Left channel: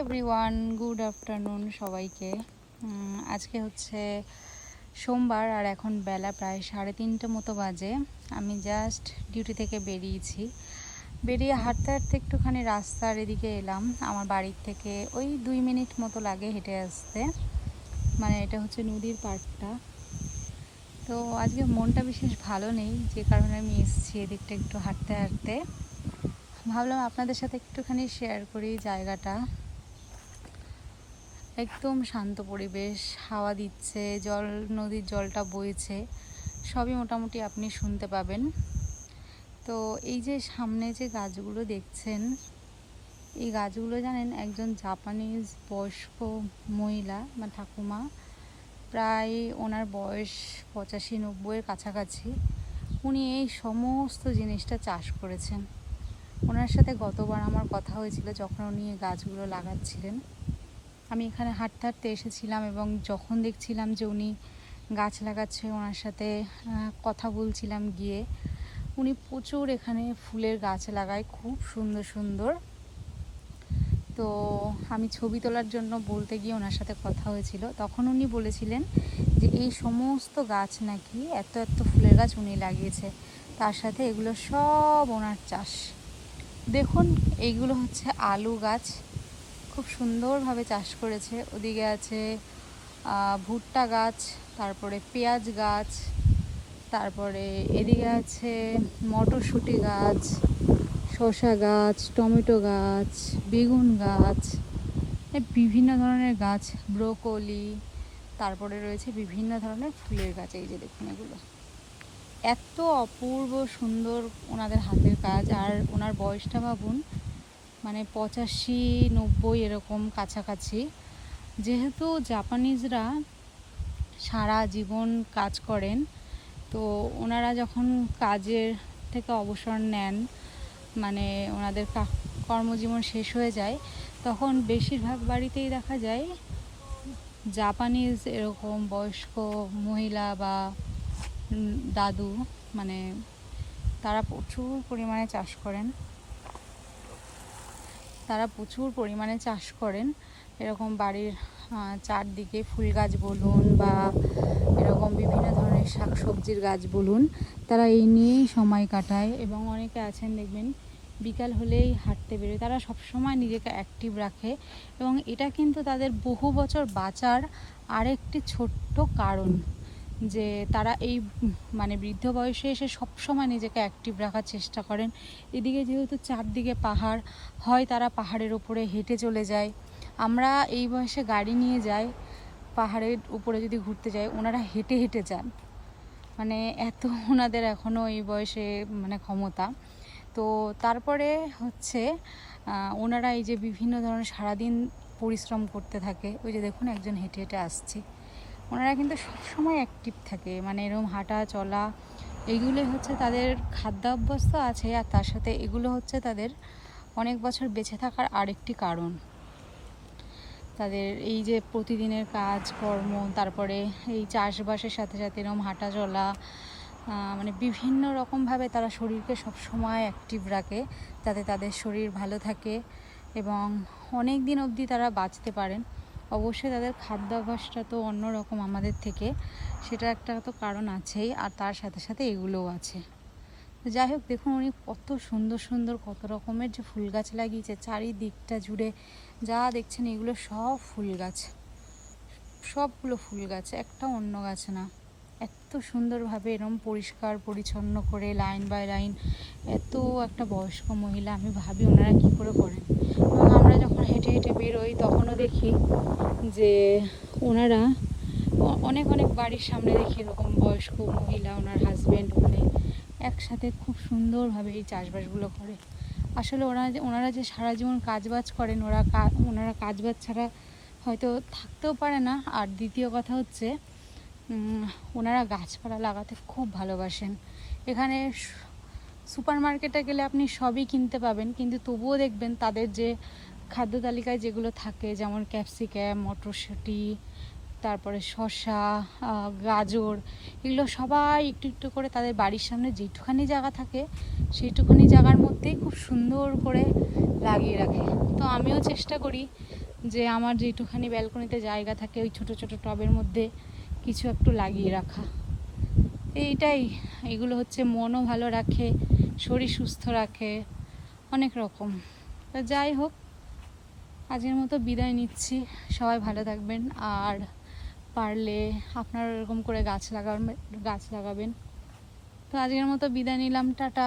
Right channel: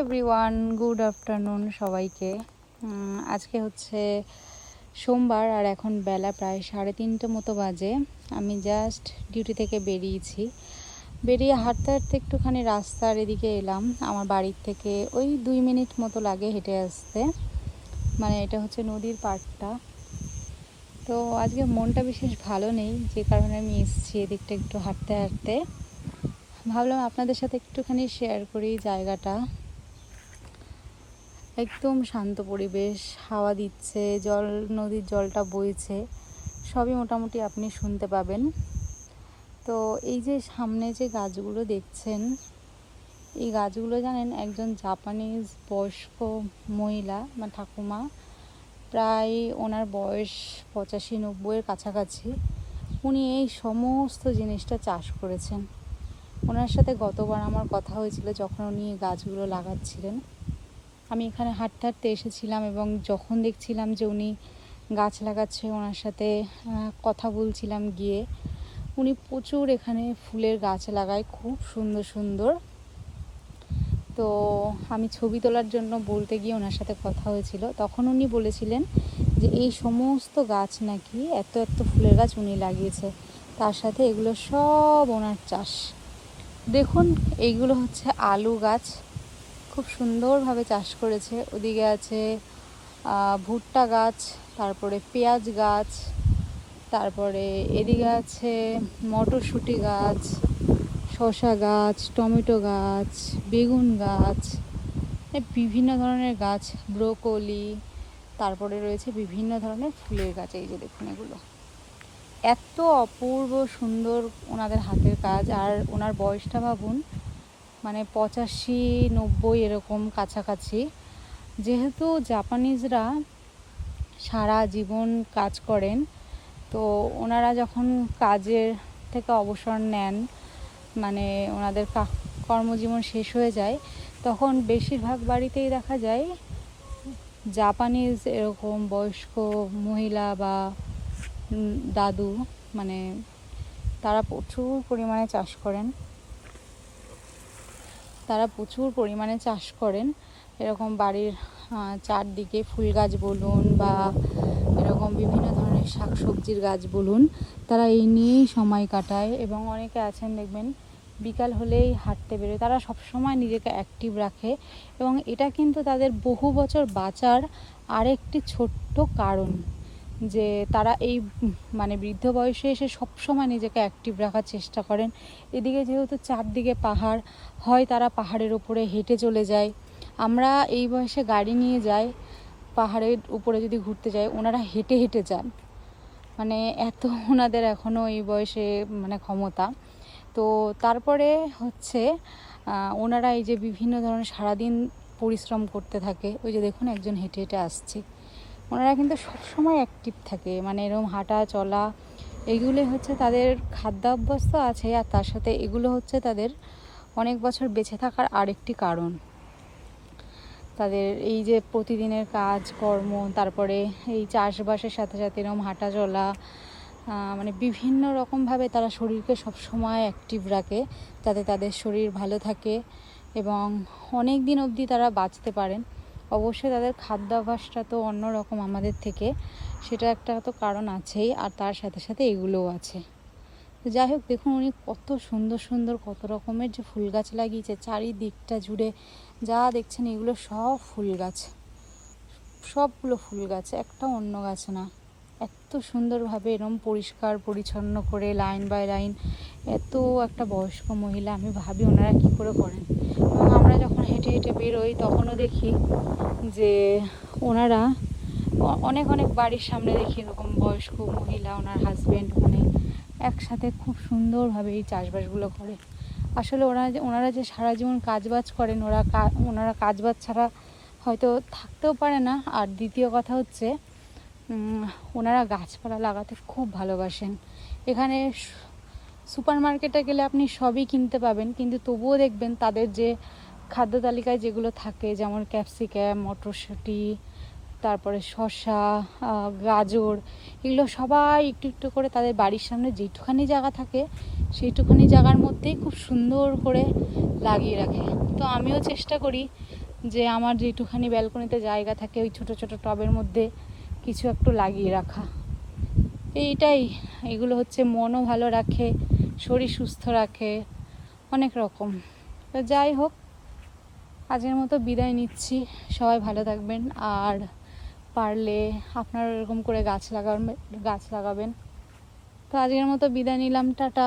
Everyone good afternoon সবাইকে। আজকে হচ্ছে সোমবার আর এখন বেলা প্রায় সাড়ে তিনটে মতো বাজে। আমি জাস্ট ডিউটি থেকে বেরিয়েছি। বেরিয়ে হাঁটতে হাঁটতে একটুখানি রাস্তার এদিকে এলাম। আমার বাড়ির থেকে ওই দুই মিনিট মতো লাগে হেঁটে আসতে। মানে এটা হচ্ছে নদীর পাড়টা। তো আজকে মনটা বিশেষ ভালো নেই, যে কারণে আমি এসেছি এদিকটা একটু হাঁটতে হাঁটতে। ভাবলাম আপনাদের সাথে একটুখানি শেয়ার করি জায়গাটা। একদম শান্ত পরিবেশ, হাওয়া দিচ্ছে, জল, নদীর জলটা বইছে, সবই মোটামুটি আপনি শুনতে পাবেন। তো এই যে সামনে যে গাছগুলো দেখছেন, এই গাছগুলো জানেন একজন জাপানিজ বয়স্ক মহিলা বা ঠাকুমা, প্রায় ওনার বয়স পঁচাশি নব্বইয়ের কাছাকাছি। উনি এই সমস্ত জিনিসটা চাষ করেছেন। ওনার সাথে গতবার আমার কথা হয়েছিল যখন উনি গাছগুলো লাগাচ্ছিলেন। আমি এখানে হাঁটতে হাঁটতে এসেছিলাম এবং যখন দেখছিলাম যে উনি গাছ লাগাচ্ছে, ওনার সাথে কথা বলছিলাম গিয়ে, উনি প্রচুর এখানে ফুলের গাছ লাগায়, খুব সুন্দর সুন্দর। তো আমি ছবি তোলার জন্য বলতে গিয়ে ওনার সাথে কথা হয়েছিল। তখন উনি বলেছিলেন যে এই সমস্ত গাছ নাকি এত এত ফুলের গাছ উনি লাগিয়েছে, তার সাথে এগুলো সব ওনার চাষ। দেখুন, এইগুলো হচ্ছে আলু গাছ। খুব সুন্দরভাবে চাষ করেছে। ওদিকে আছে ভুট্টা গাছ, তারপরে পেঁয়াজ গাছ, তারপরে এদিকে আছে মটরশুঁটি গাছ শশা গাছ, টমেটো গাছ, বেগুন গাছ বিভিন্ন ধরনের গাছ, ব্রোকলি, তারপরে রয়েছে বিভিন্ন ধরনের ফুলের গাছ, এই যে দেখুন এগুলো। এত অপূর্ব সুন্দর ওনাদের হাতের কাজ, আর ওনার বয়সটা ভাবুন মানে পঁচাশি, নব্বই এরকম কাছাকাছি। যেহেতু জাপানিজরা সারা জীবন কাজ করেন, তো ওনারা যখন কাজের থেকে অবসর নেন মানে ওনাদের কর্মজীবন শেষ হয়ে যায়, তখন বেশিরভাগ বাড়িতেই দেখা যায় জাপানিজ এরকম বয়স্ক মহিলা বা দাদু মানে তারা প্রচুর পরিমাণে চাষ করেন। তারা প্রচুর পরিমাণে চাষ করেন। এরকম বাড়ির চারদিকে ফুল গাছ বলুন বা এরকম বিভিন্ন ধরনের শাক সবজির গাছ বলুন, তারা এই নিয়েই সময় কাটায় এবং অনেকে আছেন দেখবেন বিকাল হলেই হাঁটতে বেরোয়। তারা সবসময় নিজেকে অ্যাক্টিভ রাখে এবং এটা কিন্তু তাদের বহু বছর বাঁচার আরেকটি ছোট্ট কারণ। যে তারা এই মানে বৃদ্ধ বয়সে এসে সবসময় নিজেকে অ্যাক্টিভ রাখার চেষ্টা করেন। এদিকে যেহেতু চারদিকে পাহাড় হয়, তারা পাহাড়ের উপরে হেঁটে চলে যায়। আমরা এই বয়সে গাড়ি নিয়ে যাই, পাহাড়ের উপরে যদি ঘুরতে যাই, ওনারা হেঁটে হেঁটে যান। মানে এত ওনাদের এখনও এই বয়সে মানে ক্ষমতা। তো তারপরে হচ্ছে ওনারা এই যে বিভিন্ন ধরনের সারাদিন পরিশ্রম করতে থাকে, ওই যে দেখুন একজন হেঁটে হেঁটে আসছে। ওনারা কিন্তু সবসময় অ্যাক্টিভ থাকে। মানে এরকম হাঁটা, চলা এইগুলো হচ্ছে তাদের খাদ্যাভ্যস্ত আছে আর তার সাথে এগুলো হচ্ছে তাদের অনেক বছর বেঁচে থাকার আরেকটি কারণ। তাদের এই যে প্রতিদিনের কাজ, কর্ম, তারপরে এই চাষবাসের সাথে সাথে এরকম হাঁটা, চলা মানে বিভিন্ন রকমভাবে তারা শরীরকে সবসময় অ্যাক্টিভ রাখে, যাতে তাদের শরীর ভালো থাকে এবং অনেক দিন অবধি তারা বাঁচতে পারেন। অবশ্যই তাদের খাদ্যাভ্যাসটা তো অন্যরকম আমাদের থেকে। সেটা একটা তো কারণ আছেই, আর তার সাথে সাথে এগুলোও আছে। যাই হোক, দেখুন উনি কত সুন্দর সুন্দর, কত রকমের যে ফুল গাছ লাগিয়েছে, চারিদিকটা জুড়ে যা দেখছেন এগুলো সব ফুল গাছ। সবগুলো ফুল গাছ, একটা অন্য গাছ না। এত সুন্দরভাবে এরম পরিষ্কার, পরিচ্ছন্ন করে লাইন বাই লাইন এত একটা বয়স্ক মহিলা, আমি ভাবি ওনারা কী করে করেন। হেঁটে হেঁটে বেরোই, তখনও দেখি যে ওনারা অনেক অনেক বাড়ির সামনে দেখি এরকম বয়স্ক মহিলা, ওনার হাজব্যান্ড মানে একসাথে খুব সুন্দরভাবে এই চাষবাসগুলো করে। আসলে ওরা যে, ওনারা যে সারা জীবন কাজবাজ করেন, ওরা ওনারা কাজবাজ ছাড়া হয়তো থাকতেও পারে না। আর দ্বিতীয় কথা হচ্ছে ওনারা গাছপালা লাগাতে খুব ভালোবাসেন। এখানে সুপার মার্কেটে গেলে আপনি সবই কিনতে পাবেন, কিন্তু তবুও দেখবেন তাদের যে খাদ্য তালিকায় যেগুলো থাকে, যেমন ক্যাপসিক্যাম মটরশুঁটি, তারপরে শসা গাজর, এগুলো সবাই একটু একটু করে তাদের বাড়ির সামনে যেটুখানি জায়গা থাকে, সেইটুখানি জায়গার মধ্যেই খুব সুন্দর করে লাগিয়ে রাখে। তো আমিও চেষ্টা করি যে আমার যেটুখানি ব্যালকনিতে জায়গা থাকে, ওই ছোট ছোট টবের মধ্যে কিছু একটু লাগিয়ে রাখা। এইটাই, এগুলো হচ্ছে মনও ভালো রাখে, শরীর সুস্থ রাখে, অনেক রকম। তো যাই হোক আজকের মতো বিদায় নিচ্ছি। সবাই ভালো থাকবেন। আর পারলে আপনারা এরকম করে গাছ লাগাবেন গাছ লাগাবেন। তো আজকের মতো বিদায় নিলাম। টাটা।